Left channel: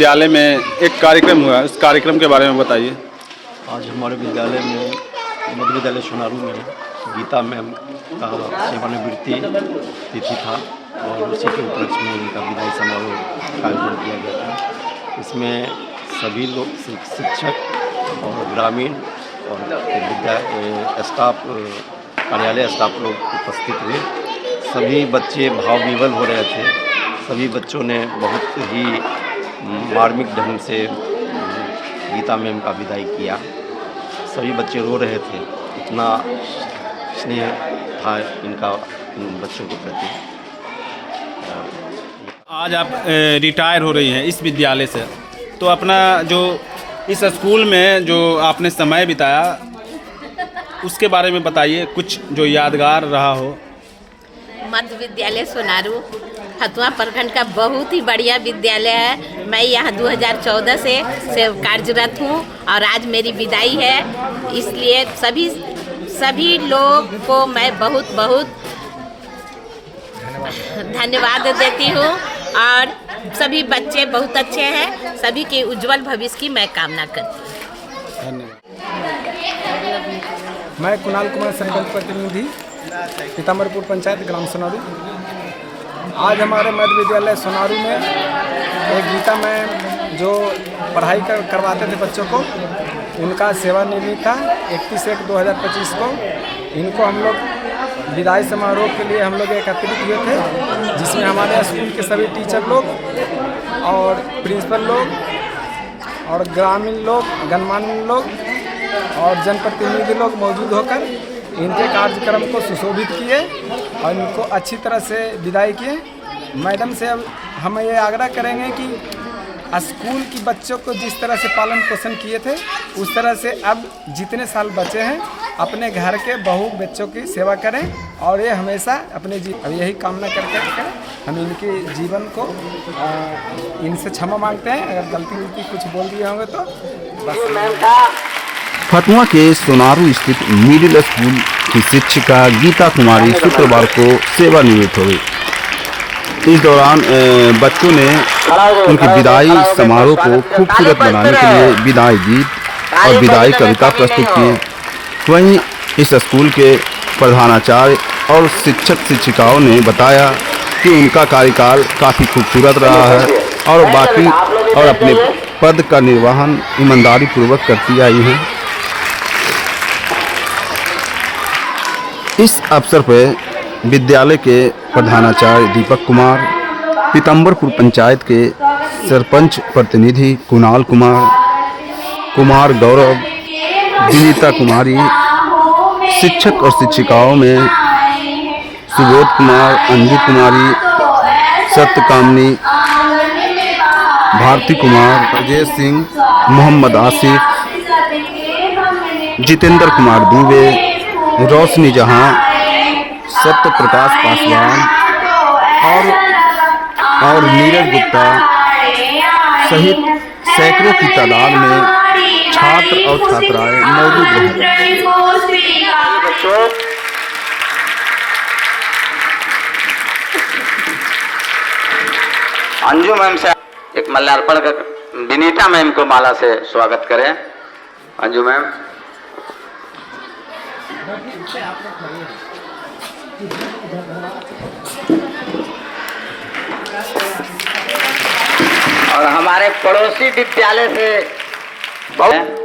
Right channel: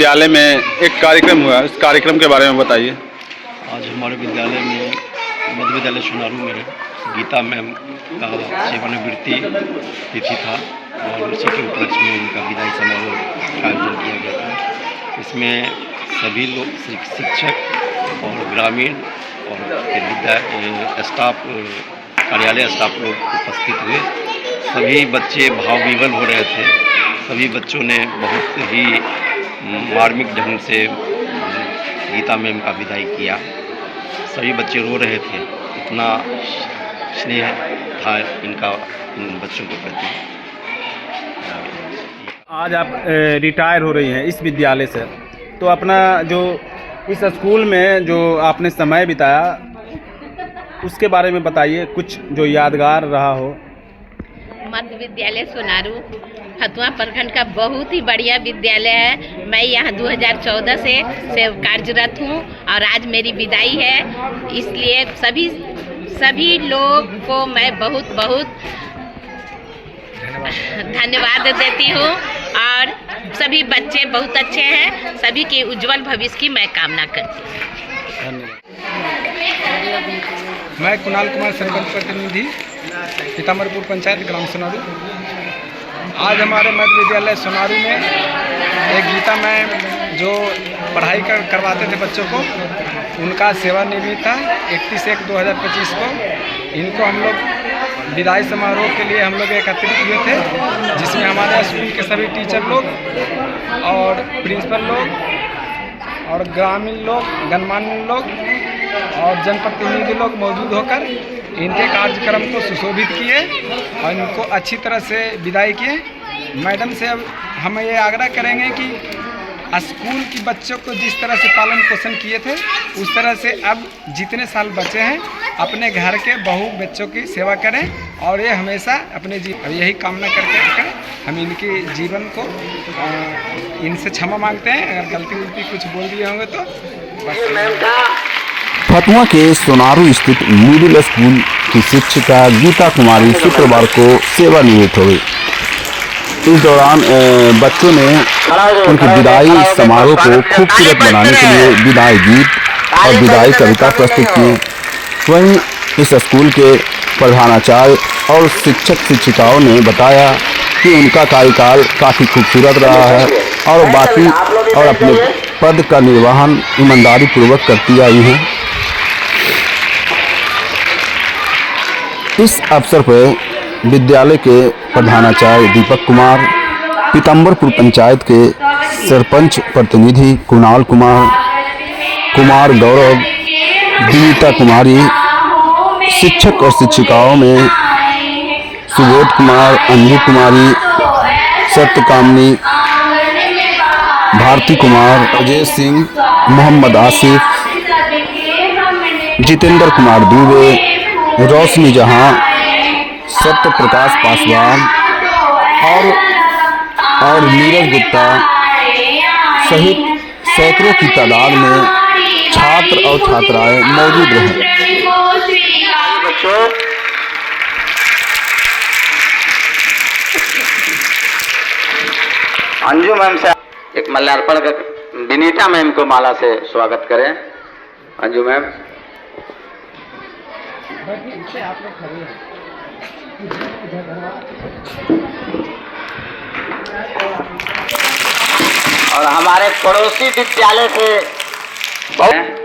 विद्यालय में एक कार्यक्रम हुआ, इस कार्यक्रम के बारे में बताइए। आज हमारे विद्यालय में मध्य विद्यालय सोनारू में गीता मैम का सेवानिवृत्ति तिथि था और उसी के उपलक्ष्य में उनका विदाई समारोह का आयोजन किया गया था। इसमें सभी लोग शिक्षक और ग्रामीण और स्टाफ कार्यालय स्टाफ लोग उपस्थित हुए। सभी बच्चे भाव विवल हो रहे थे। सभी बच्चों ने बहुत ही मार्मिक ढंग से गीता मैम का विदाई किया। सभी बच्चे रो रहे थे, इतना स्नेह था इनका इन बच्चों के प्रति। आज आप रिटायर हो रही हैं इस विद्यालय से, तो अपना जो इस स्कूल में जो आपने समय बिताया उसके बारे में बताइए, कुछ जो यादगार रहा हो। मध्य विद्यालय सोनारू हथुआ प्रखंड का बहुत ही बढ़िया विद्यालय है। मैं यहाँ 2014 से कार्यरत हूँ और आज मेरी विदाई है, इसलिए सभी लोग को मैं बहुत बहुत धन्यवाद देती हूँ और सभी बच्चे बहुत अच्छे हैं। सभी के उज्जवल भविष्य की मैं कामना करती हूँ। धन्यवाद। मैं कुणाल कुमार सरपंच प्रतिनिधि पीताम्बरपुर पंचायत ग्राम सोनारू। आज हमारे मध्य विद्यालय सोनारू में एक गीता मैम जो पढ़ाई करवाते थे बच्चों को, उनका सेवानिवृत्ति था 31/1/2025 को। इनको हम लोग विदाई समारोह के लिए हम लोग एकत्रित हुए थे, जिसमें हमारे स्कूल के सभी टीचर लोग और प्रिंसिपल लोग और ग्रामीण लोग, गणमान्य लोग और जनप्रतिनिधि लोग मौजूद होकर इनके कार्यक्रम को सुशोभित किए और इनको अच्छी तरह से विदाई किए। मैडम से अब हम ये आग्रह करेंगे कि स्कूल की बच्चों को जिस तरह से पालन पोषण किए थे, उस तरह से अब जितने साल बचे हैं अपने घर के बहू बच्चों की सेवा करें और ये हमेशा अपने अब यही कामना करके हम इनके जीवन को इनसे क्षमा मांगते हैं। अगर गलती उलती कुछ बोल दिए होंगे तो बस। फतुआ के सोनारू स्थित मिडिल स्कूल की शिक्षिका गीता कुमारी शुक्रवार को सेवानिवृत्त हो गई। इस दौरान बच्चों ने उनकी विदाई समारोह को खूबसूरत बनाने के लिए विदाई गीत और विदाई कविता प्रस्तुत किए। वहीं इस स्कूल के प्रधानाचार्य और शिक्षक शिक्षिकाओं ने बताया कि उनका कार्यकाल काफ़ी खूबसूरत रहा है और अपने पद का निर्वहन ईमानदारी पूर्वक करती आई हैं। इस अवसर पर विद्यालय के प्रधानाचार्य दीपक कुमार, पीताम्बरपुर पंचायत के सरपंच प्रतिनिधि कुणाल कुमार गौरव, विनीता कुमारी, शिक्षक और शिक्षिकाओं में सुबोध कुमार, अंजू कुमारी, सत्यकामनी, भारती कुमार, अजय सिंह, मोहम्मद आसिफ, जितेंद्र कुमार दुबे, रोशनी जहां, सत्य प्रकाश पासवान और नीरज गुप्ता सहित सैकड़ों की तादाद में छात्र और छात्राएं मौजूद रहे। अंजू मैम से एक माल्यार्पण कर विनीता मैम को माला से स्वागत करें। अंजू मैम। और हमारे पड़ोसी विद्यालय से बहुत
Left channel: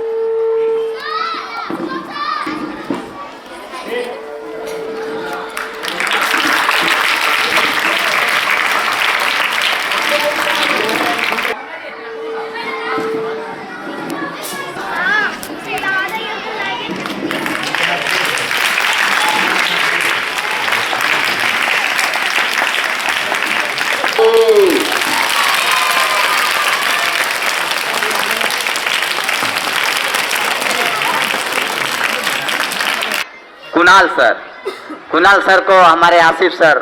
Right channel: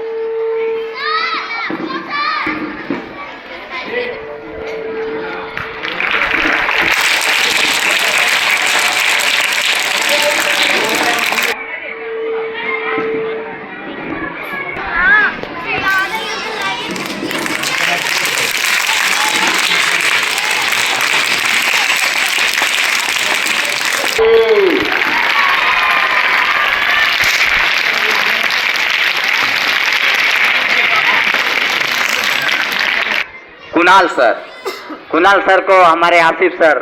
कुणाल सर को हमारे आसिफ सर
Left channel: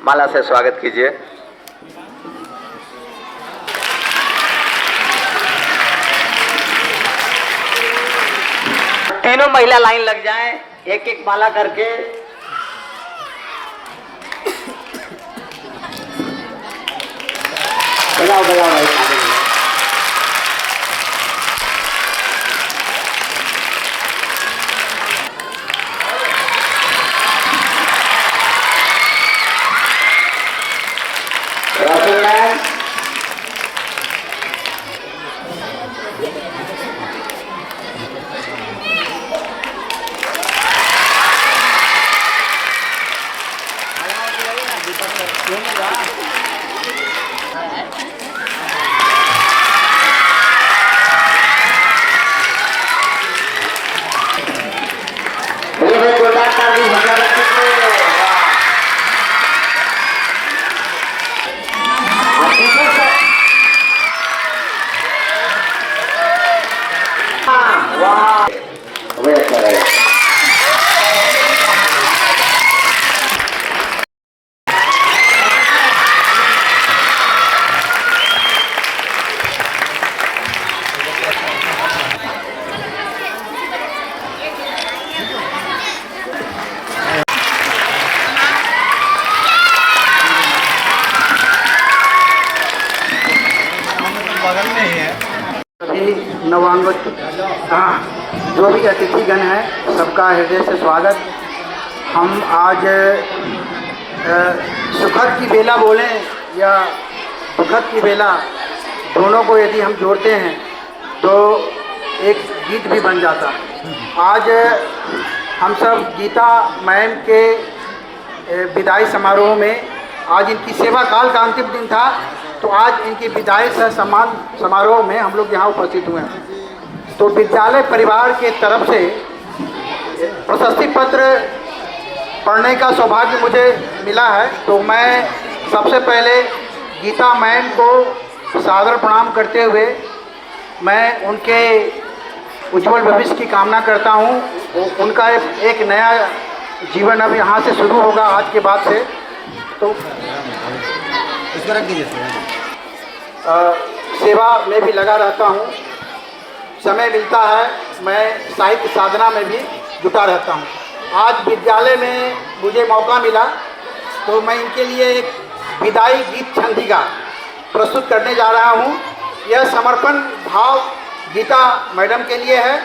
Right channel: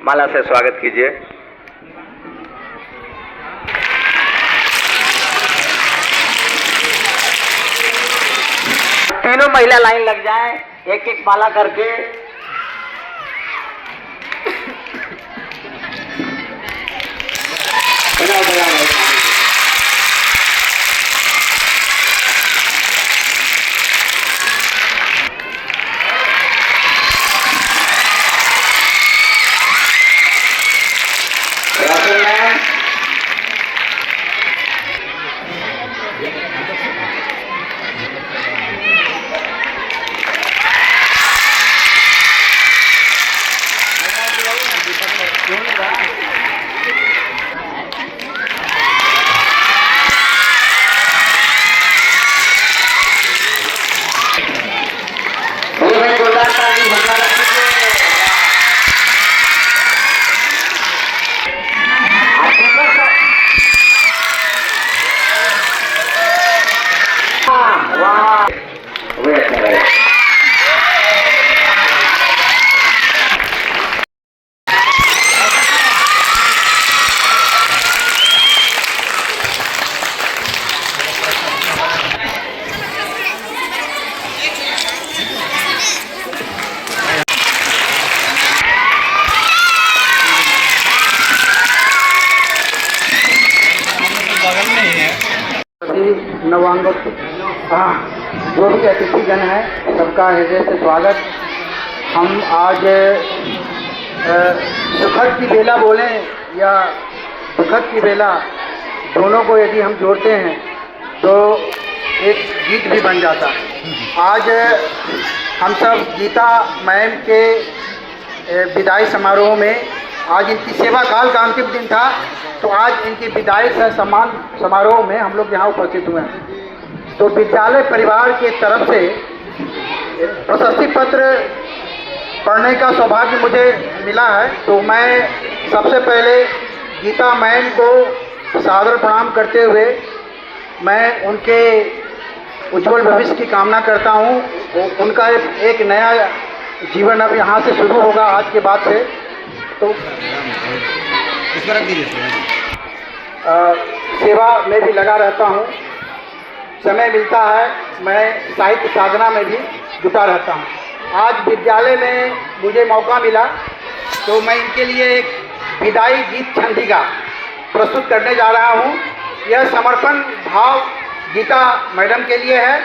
माला से स्वागत कीजिए। तीनों महिला लाइन लग जाएं, एक एक माला करके। बजाओ बजाओ भाई। बगल में ही है। सभी नवांगत जो भी अतिथिगण हैं सबका हृदय से स्वागत। हम आज सुखद की बेला बोलें या दुखद की बेला, दोनों को यदि हम जोड़ते हैं तो एक गीत भी बन जाता है। आज हम सब गीता मैम के विदाई समारोह में, आज इनकी सेवा काल का अंतिम दिन था, तो आज इनकी विदाई से सम्मान समारोह में हम लोग यहाँ उपस्थित हुए हैं। तो विद्यालय परिवार के तरफ से प्रशस्ति पत्र पढ़ने का सौभाग्य मुझे मिला है। तो मैं सबसे पहले गीता मैम को सादर प्रणाम करते हुए मैं उनके उज्जवल भविष्य की कामना करता हूँ। उनका एक नया जीवन अब यहाँ से शुरू होगा आज के बाद से। तो सेवा में भी लगा रहता हूँ, समय मिलता है मैं साहित्य साधना में भी जुटा रहता हूँ। आज विद्यालय में मुझे मौका मिला तो मैं इनके लिए एक विदाई गीत छंदिका प्रस्तुत करने जा रहा हूँ। यह समर्पण भाव गीता मैडम के लिए है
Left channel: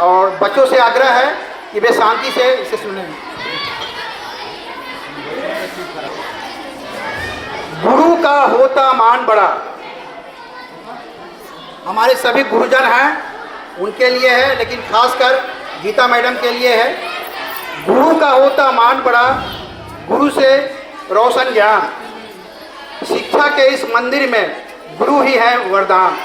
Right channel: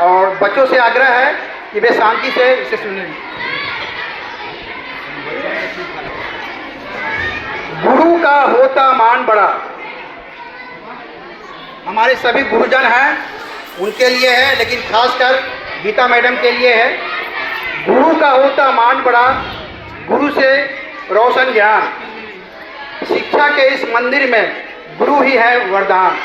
और बच्चों से आग्रह है कि वे शांति से इसे सुनें। गुरु का होता मान बड़ा, हमारे सभी गुरुजन हैं उनके लिए है, लेकिन खासकर गीता मैडम के लिए है। गुरु का होता मान बड़ा, गुरु से रोशन ज्ञान, शिक्षा के इस मंदिर में गुरु ही है वरदान।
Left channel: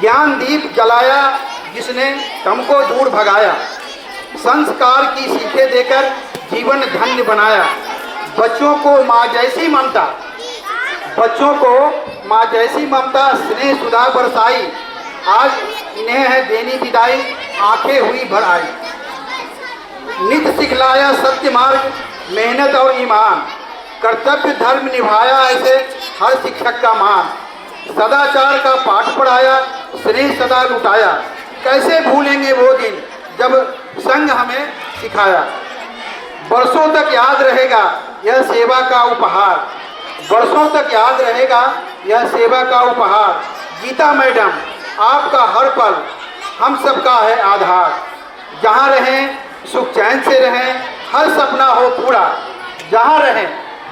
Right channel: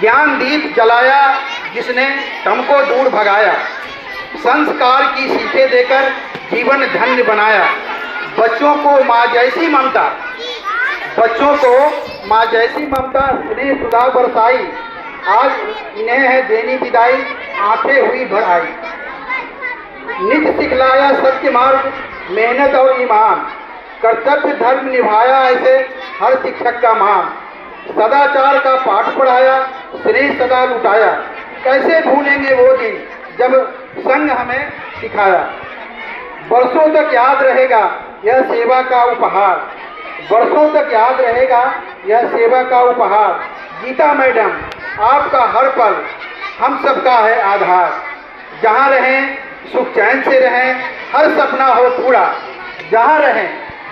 ज्ञान दीप जलाया जिसने हमको दूर भगाया, संस्कार की सीखें देकर जीवन धन्य बनाया। बच्चों को माँ जैसी ममता, बच्चों को माँ जैसी ममता स्नेह सुधा बरसाई, आज इन्हें है देनी विदाई, आंखें हुई भर आई। नित्य सिखलाया सत्य मार्ग, मेहनत और ईमान, कर्तव्य धर्म निभाया ऐसे हर शिक्षक का मान। सदाचार का पाठ पढ़ाया, स्नेह सदा लुटाया, कैसे भूलेंगे वो दिन जब संग हमें सिखाया। बरसों तक याद रहेगा यह सेवा का उपहार, बरसों तक याद रहेगा यह सेवा का उपहार। गीता मैडम आपका हर पल हम सबका है आधार। जहाँ रहें सुख चैन से रहें, हर सपना हो पूरा। जहाँ रहें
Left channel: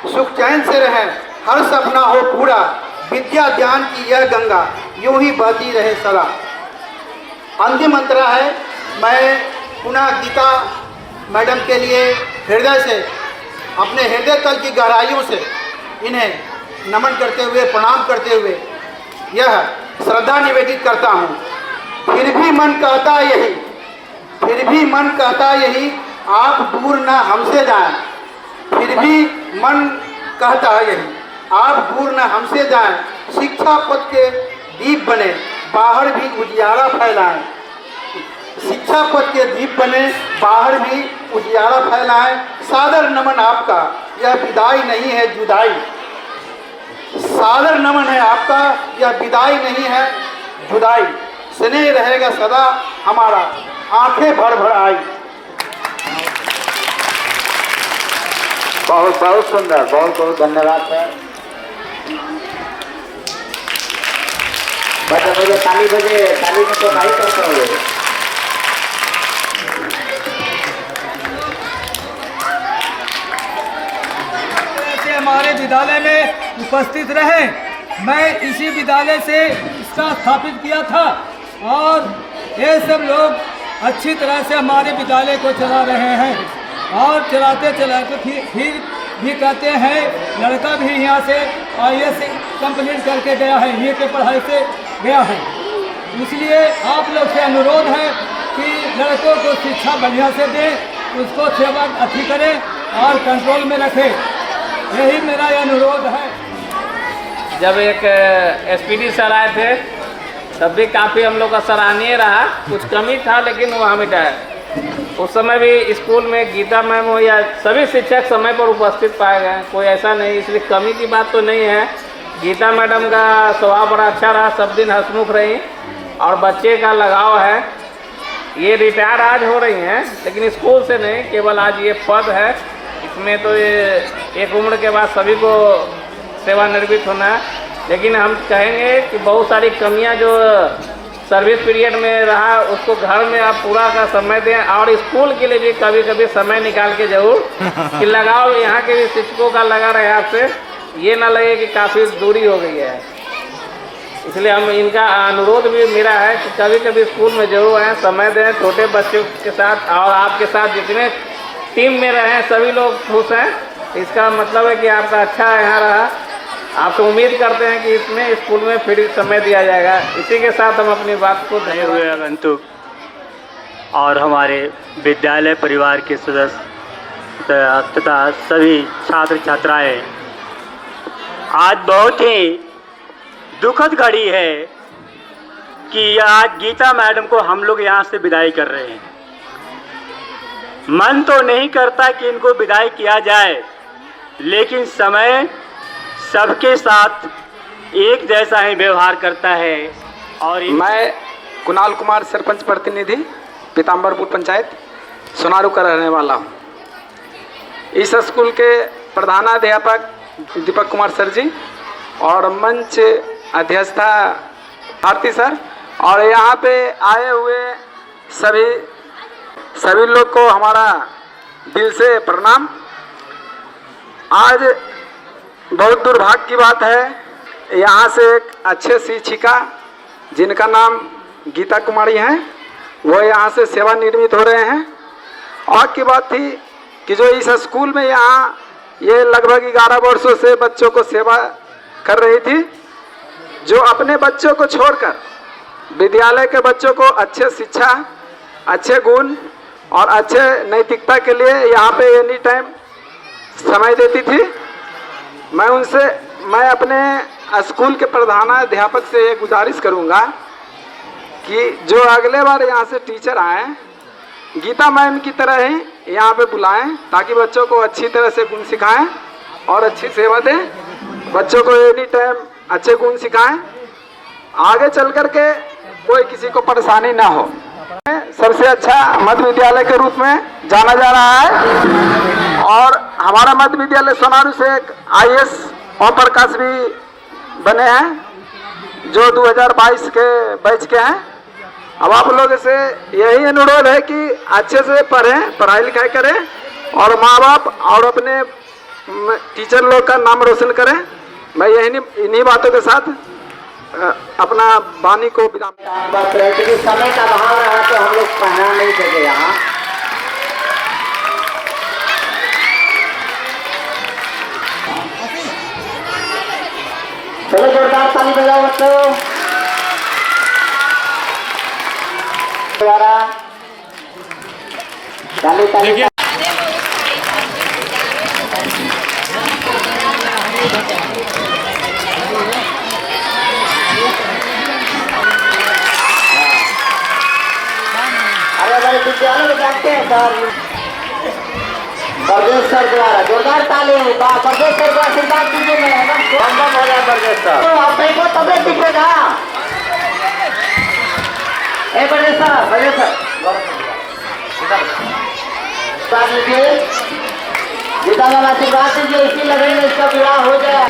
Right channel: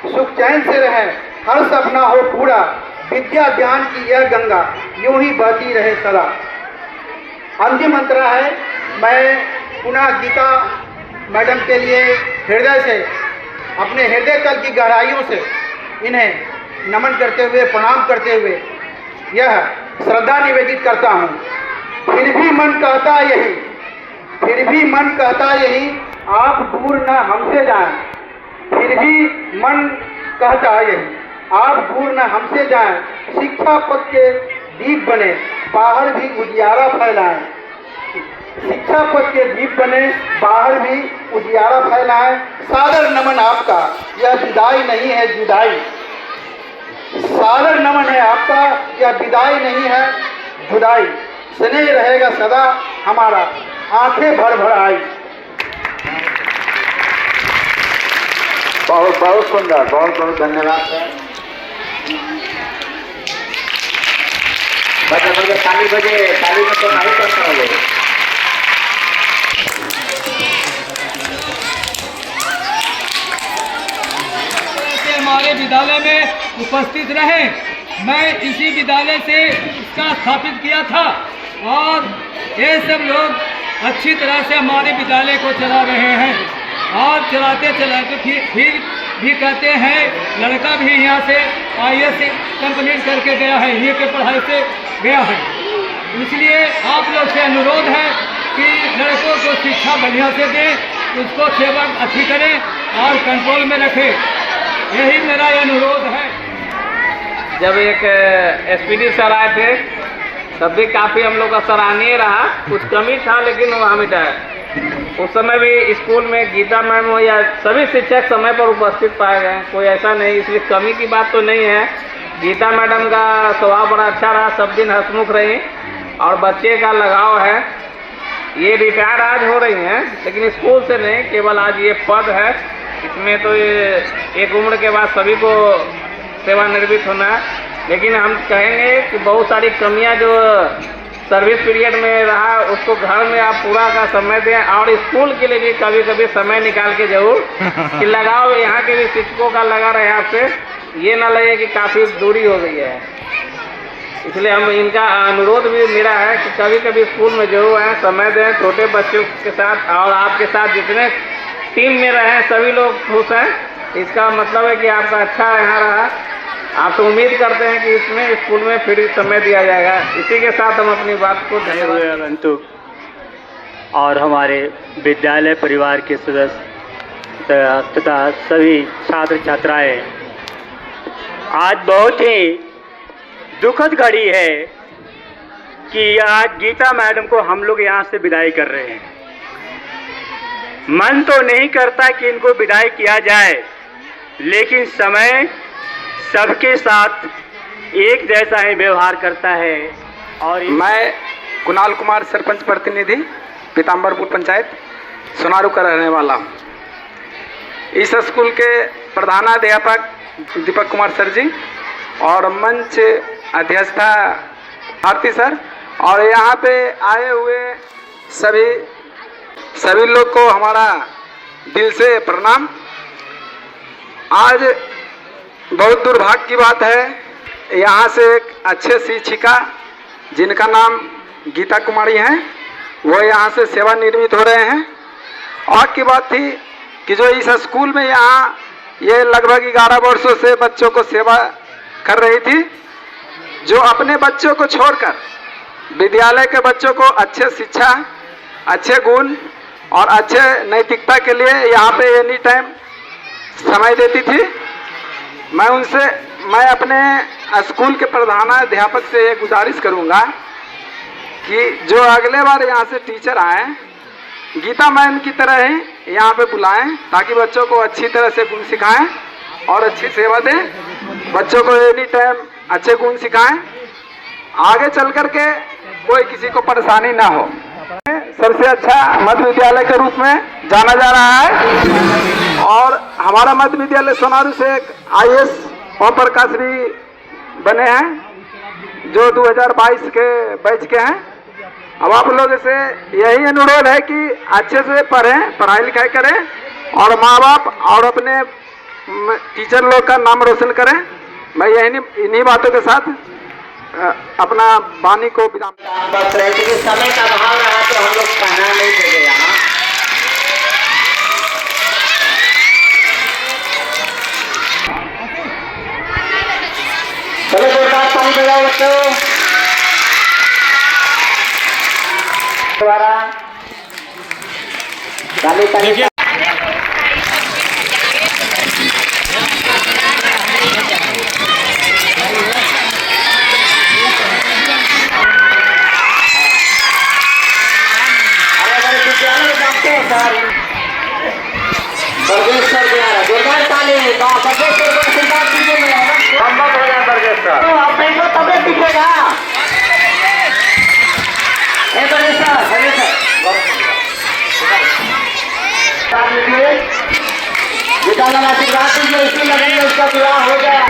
सुख चैन से रहें, हर सपना हो पूरा। विद्या ज्ञान की यह गंगा यूं ही बहती रहे सदा। अंतिम मंत्रा है। मैं पुनः गीता मैडम के लिए हृदय से, अपने हृदय तल की गहराइयों से इन्हें नमन करते हुए, प्रणाम करते हुए यह श्रद्धा निवेदित करता हूँ। फिर भी मन कहता यही, फिर भी मन कहता यही, आप दूर न हमसे जाएं। फिर भी मन कहता यही, आप दूर न हमसे जाएं। शिक्षा पथ के दीप बने, बाहर भी उजियारा फैलाएं। शिक्षा पथ के दीप बने, बाहर भी उजियारा फैलाएं। सादर नमन आपका, यह विदाई नहीं है जुदाई। सादर नमन है आपका, यह विदाई नहीं है जुदाई। स्नेह रहेगा सदा हमारा, आंखें भर भर आई। बहुत बहुत सुंदर, बहुत बहुत धन्यवाद सर। बजे बजे ताली बजे, ताली में तो नहीं करते हो। हमारे विद्यालय में उपस्थित रहे। मैं इसी विद्यालय से इसका स्थापित किया था और ये सब लोग अच्छी तरह से हमारे विद्यालय को चला रहे हैं और चलाते चलाते फिर भी कहते हैं लड़का भी यहाँ से IAS कंप्लीट करके गया है, ये के पढ़ाई से गया है। इसलिए आप लोग से अनुरोध है कि लड़कों को शिक्षा बढ़िया से दें, उसको सेवा अच्छी करें और कंट्रोल में रखें। यही मेरा अनुरोध है। जब एक SPD सर आए थे तब भी काफ़ी हम लोग का सराहनीय रहा। कुछ कमी था लेकिन वहाँ मिटाया। उस समय भी स्कूल में गीता मैम हो या सभी शिक्षक समय पर उपस्थित पाए गए, कोई ऐसा नहीं, इसलिए कमी की बात तो नहीं है। गीता मैडम का स्वभाव बड़ा अच्छा रहा, सब दिन हंसमुख रही और बच्चे का लगाव है। ये रिटायर आज हो रही हैं लेकिन स्कूल से नहीं, केवल आज ये पद है। इसमें तो ये एक उम्र के बाद सभी को सेवानिवृत्त होना है। लेकिन हम कहेंगे कि बहुत सारी कमियां जो सर्विस पीरियड में रहा उसको घर में आप पूरा का समय दें, और स्कूल के लिए भी कभी कभी समय निकाल के जरूर कि लगाओ। यहाँ के भी शिक्षकों का लगा रहे आपसे, ये ना लगे कि काफ़ी दूरी हो गई है। इसलिए हम इनका अनुरोध भी मेरा है कि कभी कभी स्कूल में जरूर आएँ, समय दें छोटे बच्चों के साथ, और आपके साथ जितने टीम में रहें सभी लोग खुश हैं। इसका मतलब है कि आपका अच्छा यहाँ रहा। आप तो उम्मीद करते हैं कि इसमें स्कूल में फिर समय दिया जाएगा। इसी के साथ हम अपनी बात को नए हुए आगंतुक और हमारे विद्यालय परिवार के सदस्य तथा सभी छात्र छात्राएं, आज बहुत ही दुखद घड़ी है कि आज गीता मैडम को हम लोग यहाँ से विदाई कर रहे हैं। मन तो नहीं करता कि इनको विदाई किया जाए, लेकिन समय सबके साथ एक जैसा ही व्यवहार करता है। और मैं कुणाल कुमार सरपंच प्रतिनिधि पीताम्बरपुर पंचायत सोनारू का रहने वाला हूँ। इस स्कूल के प्रधानाध्यापक दीपक कुमार सर जी और मंच अध्यक्षता भारती सर और यहाँ पे आए हुए सभी लोग को हमारा दिल से प्रणाम। आज बहुत दुर्भाग्य की बात है, यहाँ से एक अच्छे शिक्षिका जिनका नाम गीता कुमारी हैं, वो यहाँ से सेवानिवृत्त हो रहे हैं। और की बात थी कि जो इस स्कूल में यहाँ ये लगभग 11 वर्षों से बच्चों को सेवा कर रही थी, जो अपने बच्चों को छोड़कर विद्यालय के बच्चों को अच्छे शिक्षा, अच्छे गुण और अच्छे नैतिकता के लिए यहाँ पे एनी टाइम समय देती थी। मैं अपने स्कूल के प्रधानाध्यापक से ये गुजारिश करूँगा कि जो अगले बार यहाँ से टीचर आए गीता मैम की तरह ही यहाँ पे बुलाएं, ताकि बच्चों को अच्छी तरह से गुण सिखाएं और अच्छी सेवा दें। बच्चों को एनी टाइम अच्छे गुण सिखाएं, आगे चल कर के कोई किसी को परेशानी ना हो। सबसे अच्छा मध्य विद्यालय के रूप में जाना जा रहा है और हमारा मध्य विद्यालय सोनारू से एक IAS ओम प्रकाश भी बने हैं जो 2022 के बैच के हैं। अब आप लोगों से यही अनुरोध है कि अच्छे से पढ़ें, पढ़ाई लिखाई करें और माँ बाप और अपने टीचर लोग का नाम रोशन करें। मैं इन्हीं बातों के साथ अपना वाणी को विराम। बस क्योंकि समय का अभाव रहा तो हम लोग पढ़ना नहीं सके यहाँ। चलो जोरदार ताली बजाओ बच्चों द्वारा। ताली ताली। विद्यालय में जानते हैं सर बरगेश सर द्वारा जोरदार ताली। बरगेश सर को आशीर्वाद दीजिए। मैं संभव हो जाए बरगेश सर, आप देखो तबियत दिखेगा। बरगेश सर बेटा वाला आशीर्वाद दीजिए, इसी लगेंगे उसका विवाह हो गया।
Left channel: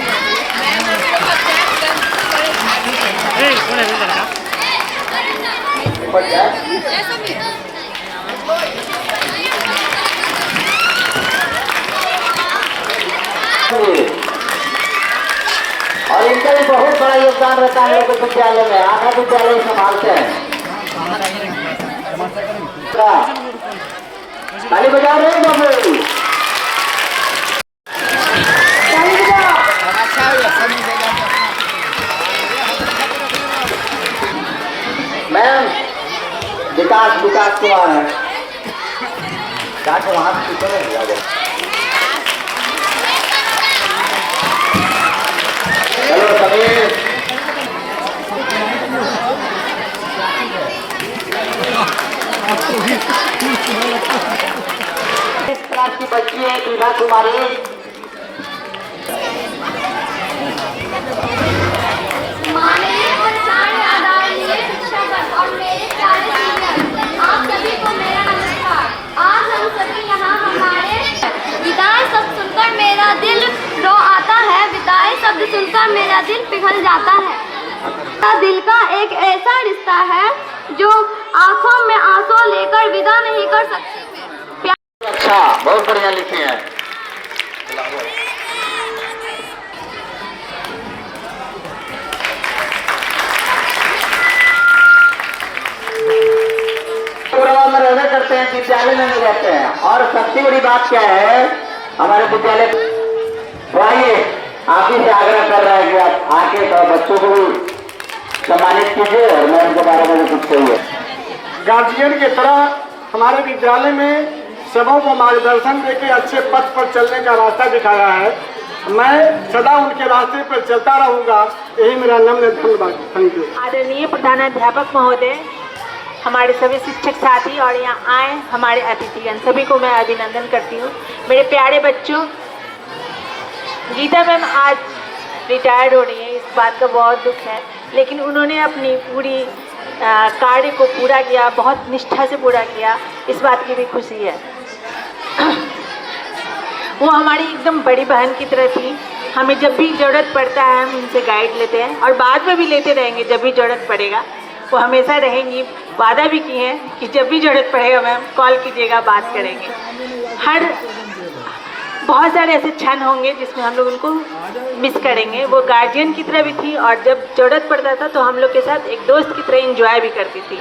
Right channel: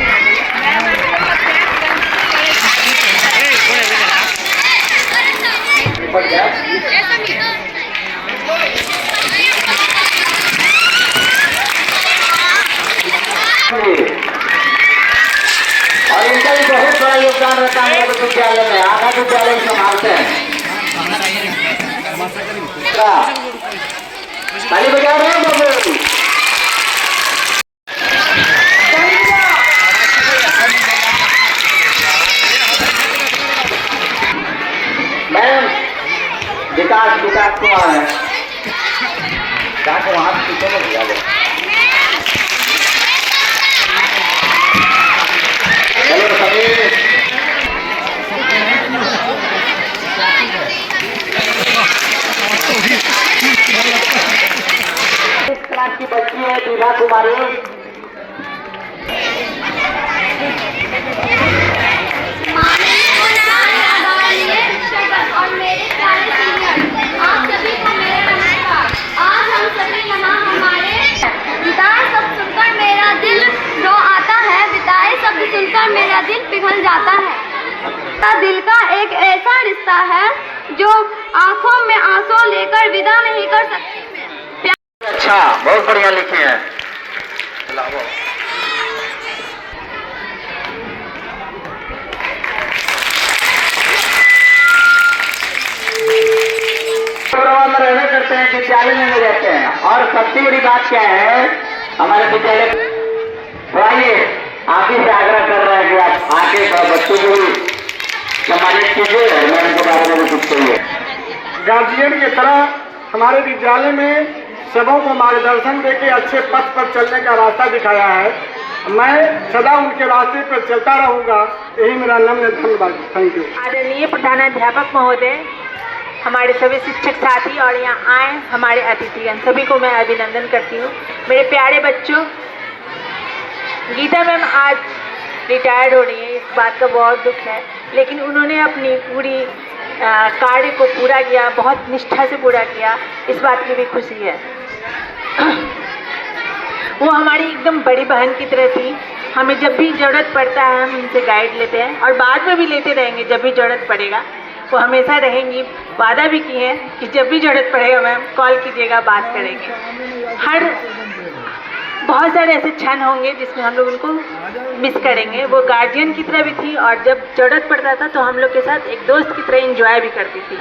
और इनका भी बहुत बड़ा योगदान रहता है विद्यालय में। आधा विद्यालय संभालते हैं। ताली बजा रहे हैं बाबू। मैम विकास कुमार है, वहाँ पीछे में दिया गया। हेलो समीर। इस क्लास की बच्ची है दीपा कुमारी। और मेरे आप सभी को मेरा नमस्कार। आज हम सभी यहाँ हमारे विदाई शब्द सुनकर मेरा दिल रो आता है। विदाई शब्द सुनकर मेरा दिल पिघल बदल जाता है। दिल का एक ऐसा रिश्ता है जो आंखों में आंसू लेकर विदा नहीं कर सकते। अच्छा, बहुत बढ़िया लिखी है। में रहने करते हैं, विद्यालय में रहते हैं, और सबसे बड़ी बात क्या है, हमारे विद्यालय पढ़ाइए, आप ही से आग्रह कर रहे हैं कि आप आके बच्चों को भी सम्मानित कीजिए और मैं उनके बारे में भी कुछ कहिए। गार्जियन की तरह हमारे विद्यालय में सबों को मार्गदर्शन देके अच्छे पथ पर चलने का रास्ता दिखाया है। मैं सदा उनके रास्ते पर चलता रहूँगा, यही मेरा नम्र धन्यवाद। Thank you. आदरणीय प्रधानाध्यापक महोदय, हमारे सभी शिक्षक साथी और यहाँ आए हमारे अतिथिगण, सभी को मैं अभिनंदन करती हूँ। मेरे प्यारे बच्चों, गीता मैम आज रिटायर्ड हो रही है, इस बात का बहुत दुख है, लेकिन उन्होंने अपनी पूरी कार्य को पूरा किया, बहुत निष्ठा से पूरा किया, इस बात की भी खुशी है। वो हमारी एकदम बड़ी बहन की तरह थी। हमें जब भी ज़रूरत पड़ता है हम उनसे गाइड लेते हैं और बाद में भी लेते रहेंगे जब भी ज़रूरत पड़ेगा। वो हमेशा रहेंगी, वादा भी की है कि जब भी ज़रूरत पड़ेगा मैम कॉल कीजिएगा, बात करेंगे। बहुत सारे ऐसे क्षण होंगे जिसमें हम लोग उनको मिस करेंगे। वो गार्जियन की तरह भी थी और जब ज़रूरत पड़ता था तो हम लोग के साथ एक दोस्त की तरह एंजॉय भी करती थी।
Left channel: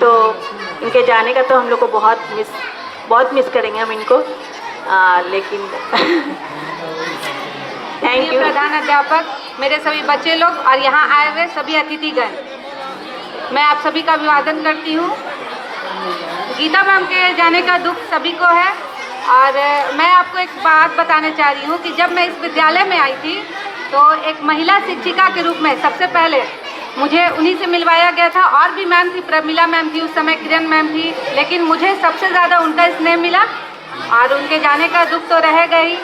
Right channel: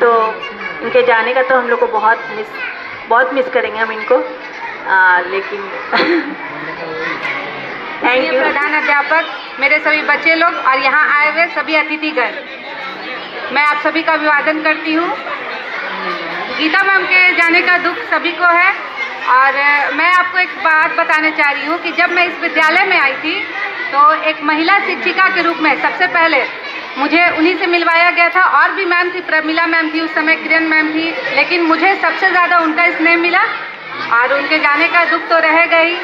तो इनके जाने का तो हम लोग को बहुत मिस करेंगे हम इनको, लेकिन थैंक यू। प्रधान अध्यापक, मेरे सभी बच्चे लोग और यहाँ आए हुए सभी अतिथिगण, मैं आप सभी का अभिवादन करती हूँ। गीता मैम के जाने का दुख सभी को है और मैं आपको एक बात बताना चाह रही हूँ कि जब मैं इस विद्यालय में आई थी तो एक महिला शिक्षिका के रूप में सबसे पहले मुझे उन्हीं से मिलवाया गया था। और भी मैम थी, प्रमिला मैम थी, उस समय किरण मैम थी, लेकिन मुझे सबसे ज़्यादा उनका स्नेह मिला और उनके जाने का दुख तो रहेगा ही।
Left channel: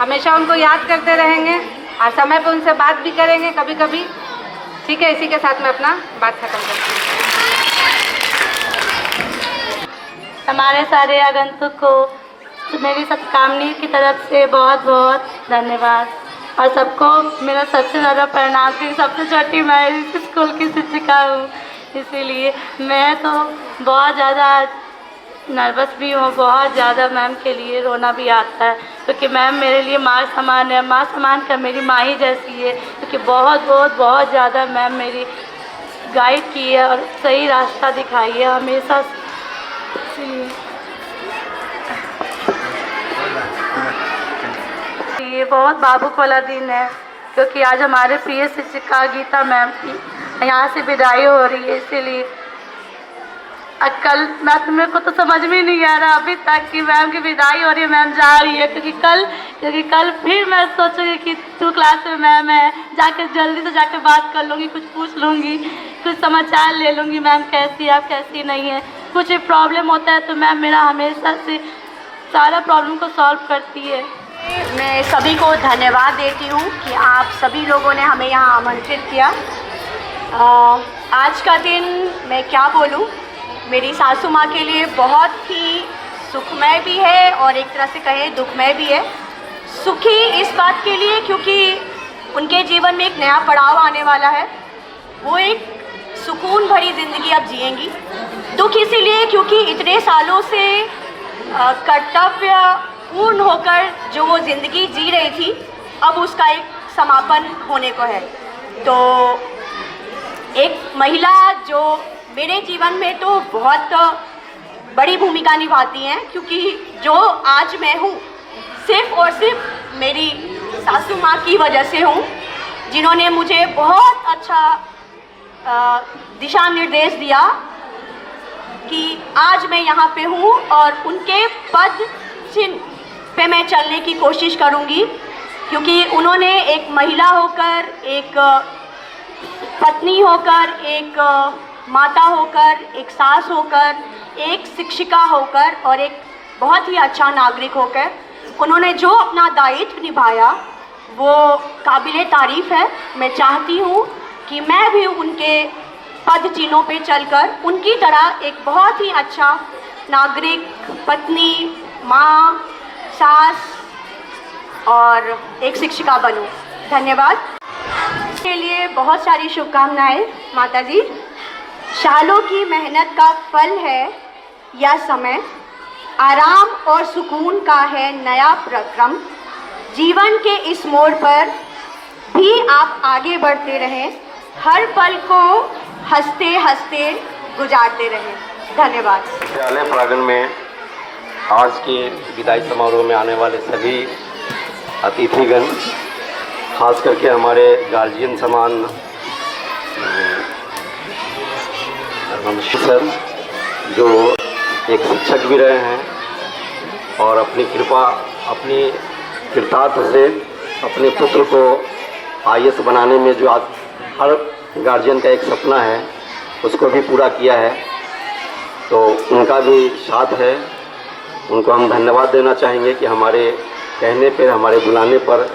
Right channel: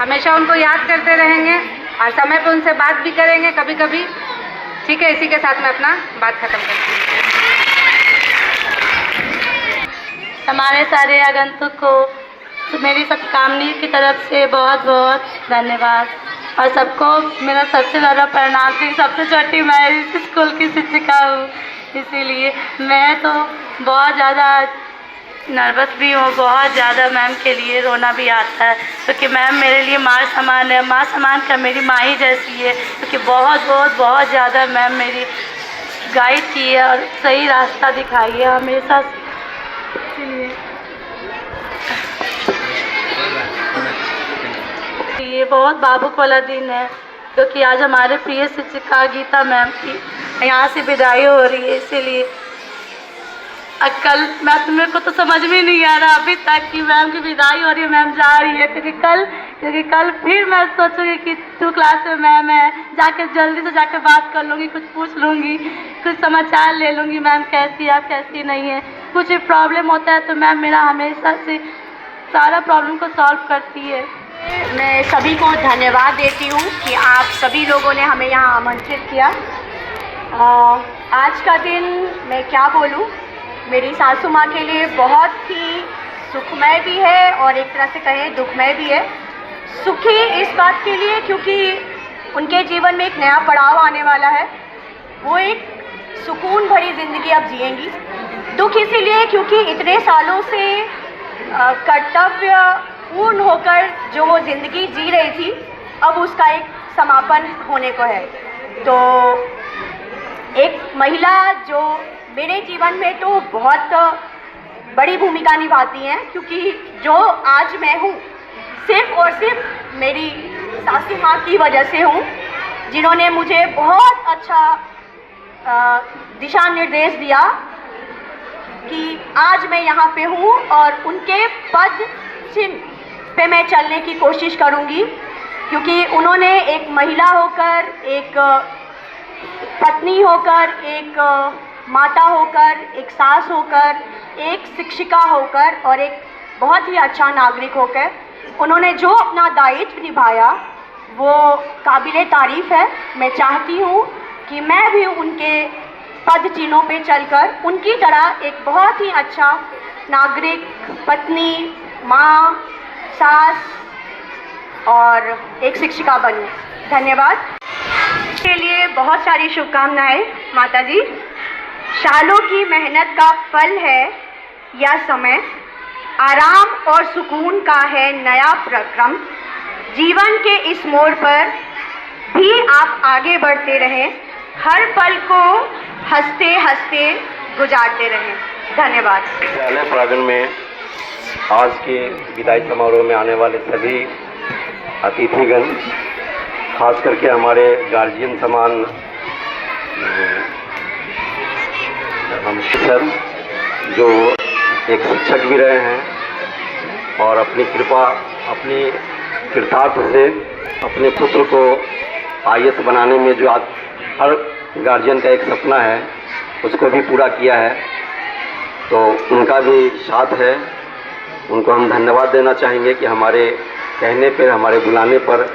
हमेशा उनको याद करते रहेंगे और समय पे उनसे बात भी करेंगे कभी कभी। ठीक है, इसी के साथ मैं अपना बात ख़त्म करती हूँ। हमारे सारे आगंतुक को मेरी सत्कामनी की तरफ से बहुत बहुत धन्यवाद और सबको मेरा सबसे ज़्यादा प्रणाम, क्योंकि सबसे छोटी मैं इस स्कूल की शिक्षिका हूँ, इसीलिए मैं तो बहुत ज़्यादा नर्वस भी हूँ, बहुत ज़्यादा मैम के लिए रोना भी आता है, क्योंकि मैम मेरे लिए माँ समान है, माँ समान का मेरी माँ ही जैसी है, क्योंकि बहुत ज़्यादा मैम मेरी गाइड की है और सही रास्ता दिखाई है हमेशा, इसलिए ये बहुत भावुक वाला दिन है, क्योंकि आज हमारे प्रिय शिक्षिका गीता मैम की यहाँ से विदाई हो रही है। इसीलिए कल मेरे को तो समझ में नहीं आ रहा अभी तक कि मैम की विदाई हो रही है, मैम जा रही है, क्योंकि कल फिर मैं सोचूंगी कि 2 क्लास में मैम है, जाके जल्दी से जाके बात कर लूँगी, कुछ पूछ लूँगी, कुछ समाचार ले लूँगी, मैम कैसी है, आप कैसी नहीं है। कुछ भी प्रॉब्लम होता है तो मैम मेरा हमेशा से सारा प्रॉब्लम को सॉल्व करती है। मैं सभी को धन्यवाद देती हूँ कि आप सभी लोगों ने हमें यहाँ आमंत्रित किया। आज का दिन मैं क्या बोलूँ, मेरी सासू माँ के लिए बहुत ही सुखमय भी है और एक तरह से कहें दुखमय भी है। सुखी इस बात के लिए क्योंकि उनके जीवन में एक नया पड़ाव आने वाला है, वो एक सुकून भरी ज़िंदगी अब जिएंगी। दुख इसीलिए क्योंकि इतने सालों से कर्तव्य पूर्ण होकर जो वो ज़िंदगी जी रही थी, अब उसका एक समापन होने को है। तो एक महिला जो मेरे जीवन में तो बहुत बड़ी भूमिका निभाती हैं, क्योंकि जो आज मैं हूँ सिर्फ़ और सिर्फ मेरी सासू माँ की वजह से हूँ, जिन्होंने मुझे बहुत अच्छा दिशा निर्देश दिया कि आज मैं यहाँ पे हूँ और उनके पद चिन्ह पे मैं चलने की कोशिश करूँगी, क्योंकि उन्होंने एक महिला होकर, एक पत्नी होकर, एक माता होकर, एक सास होकर, एक शिक्षिका होकर और एक बहुत ही अच्छा नागरिक होकर उन्होंने जो अपना दायित्व निभाया वो काबिले तारीफ़ है। मैं चाहती हूँ कि मैं भी उनके पद चिन्हों पे चलकर उनकी तरह एक बहुत ही अच्छा नागरिक, पत्नी, माँ, सास और एक शिक्षिका बनूं। धन्यवाद। के लिए बहुत सारी शुभकामनाएं माता जी। सालों की मेहनत का फल है यह समय, आराम और सुकून का है नया प्रक्रम। जीवन के इस मोड़ पर भी आप आगे बढ़ते रहें, हर पल को हंसते हंसते गुजारते रहें। धन्यवाद। विद्यालय प्रांगण में आज के विदाई समारोह में आने वाले सभी अतिथिगण, खास करके हमारे गार्जियन समान हम सर जो एक शिक्षक भी रहे हैं और अपनी कृपा, अपनी कृतार्थ से अपने पुत्र को IAS बनाने में जो आज हर गार्जियन का एक सपना है उसको भी पूरा किया है, तो उनका भी साथ है। उनको हम धन्यवाद देना चाहेंगे कि हमारे कहने पर, हमारे बुलाने पर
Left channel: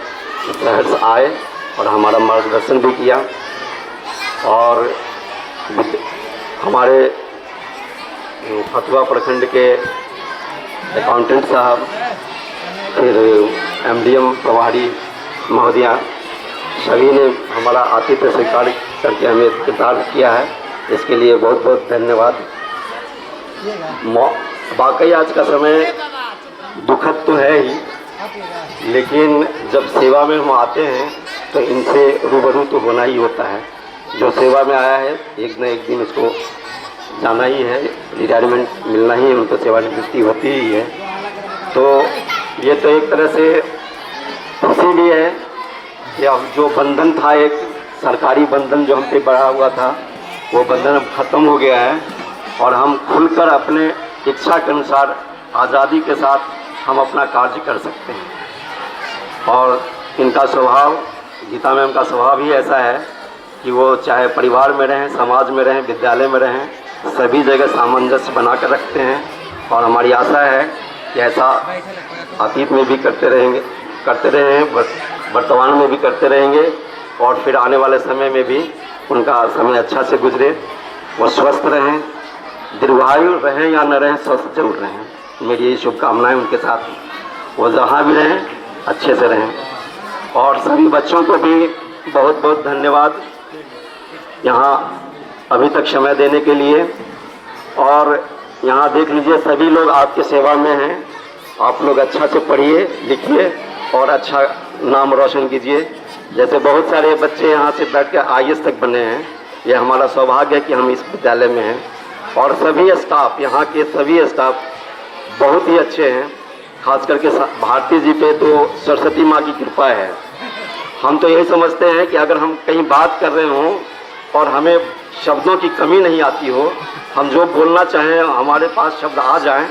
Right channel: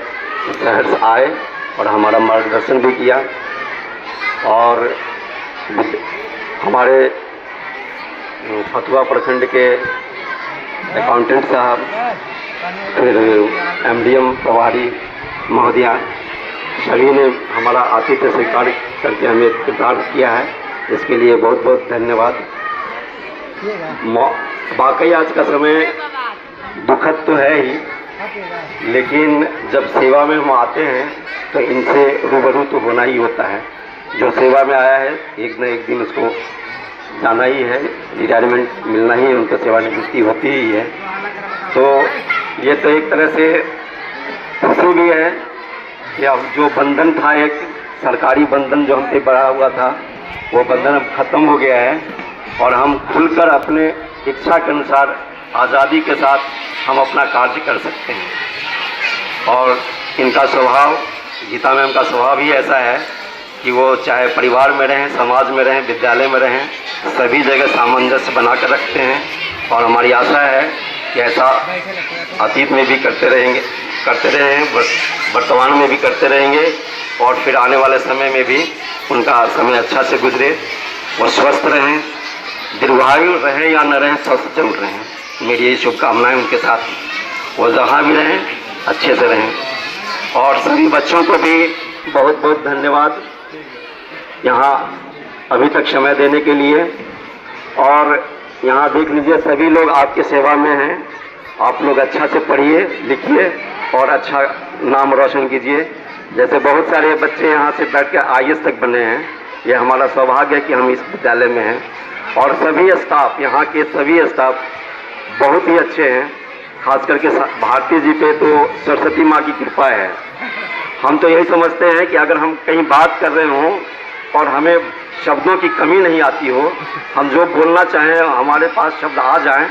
शहर से आए और हमारा मार्गदर्शन भी किया। और हमारे फतुहा प्रखंड के अकाउंटेंट साहब, फिर MDM प्रभारी महोदया, सभी ने हमारा आतिथ्य स्वीकार करके हमें कृतार्थ किया है, इसके लिए बहुत बहुत धन्यवाद। वाकई आज का समय दुखद तो है ही, लेकिन जब सेवा में हम आते हैं तो इनसे रूबरू तो होना ही होता है। जो सेवा में आया है एक न एक दिन उसको जाना ही है, रिटायरमेंट मिलना ही है, उनको सेवानिवृत्ति होती ही है। तो ये तो एक तरह से खुशी भी है कि अब जो बंधन था, एक सरकारी बंधन जो हम पे बढ़ा हुआ था, वो बंधन अब ख़त्म हो गया है और हम खुलकर अपने इच्छा के अनुसार आज़ादी के साथ हम अपना कार्य कर सकते हैं। और इनका स्वभाव, गीता मैम का स्वभाव ही ऐसा है कि वो चाहे परिवार में रहें, समाज में रहें, विद्यालय में रहें, सभी जगह सामंजस्य बना कर रखते हैं। और हमारी आशा है कि ऐसा अतीत में भी करते रहें, वर्तमान में भी करते रहेंगे और फिर आने वाले समय में भी उनका समय अच्छा से गुजरे, वो स्वस्थ रहें, दीर्घायु रहें या न रहें, स्वस्थ जरूर रहें। मेरी यही शुभकामनाएं उनके साथ, वो जहाँ भी रहें अच्छे से रहें। और सभी बच्चों को भी बहुत बहुत धन्यवाद यहाँ अभी तक समय देने के लिए। और यहाँ देख लीजिए सभी लोग आपके सेवा में हैं, आप लोग अच्छा से पढ़िए लिखिए और अच्छा नाम रोशन कीजिए। जैसे बहुत सारे बच्चे यहाँ से बैठ कर IAS तक बने हैं, ये हमारा सौभाग्य है कि हम इस विद्यालय में हैं। और सभी स्टाफ, यहाँ के सभी स्टाफ बहुत ही अच्छे हैं, खास करके भारती जी पे तो सरस्वती माँ की कृपा है। हम तो यही समझते हैं कि अगर हम कहीं बात कर रहे हों और हमें शब्दों की कमी नहीं आती हो, हम जो बोलना चाहें हमारे पास शब्द आ जाएं,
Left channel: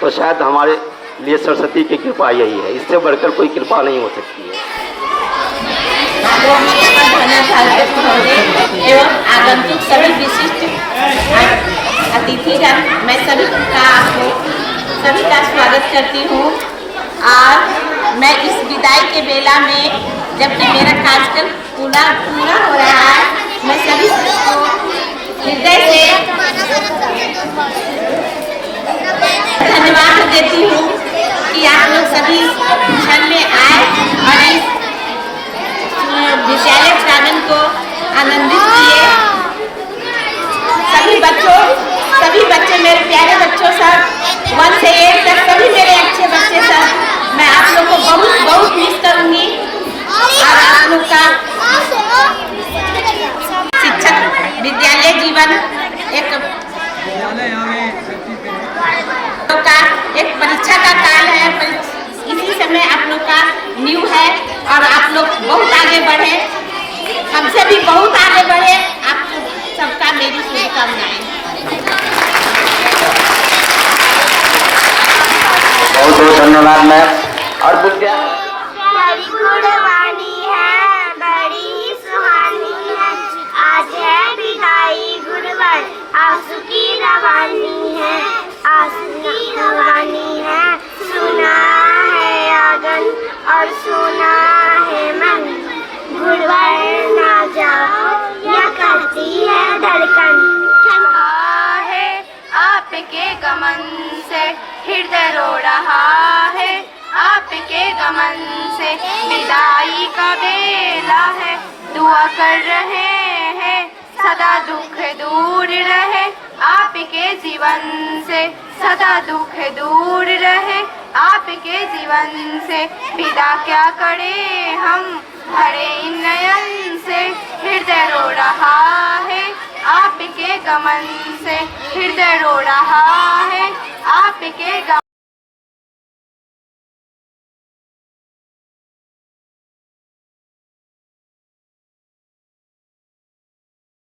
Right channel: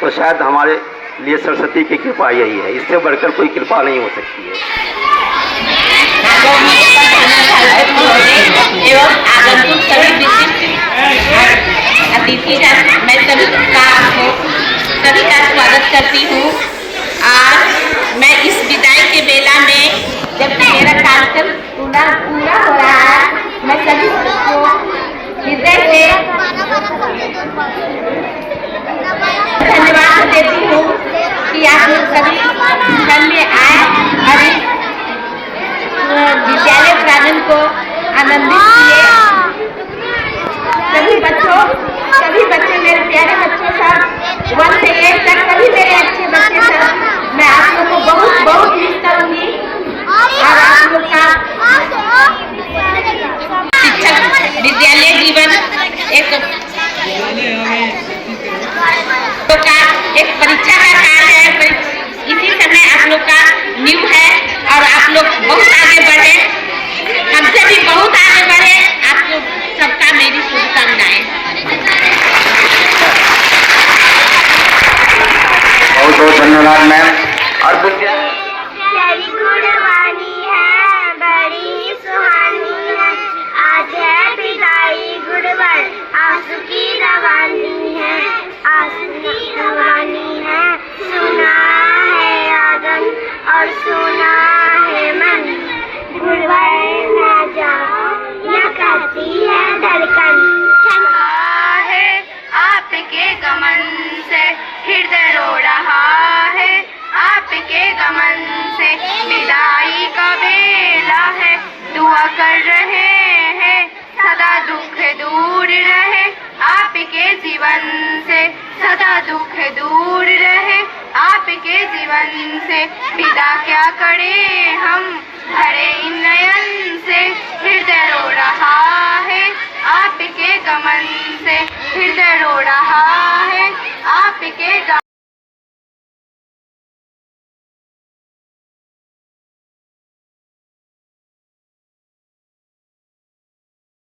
तो शायद हमारे लिए सरस्वती की कृपा यही है, इससे बढ़कर कोई कृपा नहीं हो सकती है। एवं आगंतुक सभी विशिष्ट अतिथिगण, मैं सभी का स्वागत करती हूँ। और मैं इस विदाई के बेला में, जबकि मेरा कार्यक्रम पूरा हो रहा है, मैं सभी को हृदय से धन्यवाद देती हूँ कि आप लोग सभी क्षण में आए और इस विद्यालय प्रांगण को आनंदित किए। सभी बच्चे मेरे प्यारे बच्चों सब, 1 से 8 तक सभी मेरे अच्छे बच्चे सब, मैं आप लोग को बहुत बहुत मिस करूँगी। और आप लोग का शिक्षक विद्यालय जीवन एक परीक्षा का काल है, इसी समय आप लोग का न्यू है और आप लोग बहुत आगे बढ़े, हमसे भी बहुत आगे बढ़े। आप लोग सबका मेरी शुभकामनाएं। बहुत बहुत धन्यवाद मैम। और गुड़वानी है, बड़ी ही सुहानी है, आज है विदाई गुड़वर, आंसू की रवानी है, आंसू की रवानी है, सुना है आंगन और सुना है मन, गुड़वर ना जाओ या करती है धड़कन, है आपके गमन से हृदय रो रहा है, आपके गमन से विदाई का बेला है, दुआ कर रहे हैं सदा दुख दूर रहे आपके जीवन से, सदा दुख दूर रहे आपके जीवन से। विदा क्या करें हम भरे इन नयन से, हृदय रो रहा है आपके गमन से, हृदय रो रहा है आपके गमन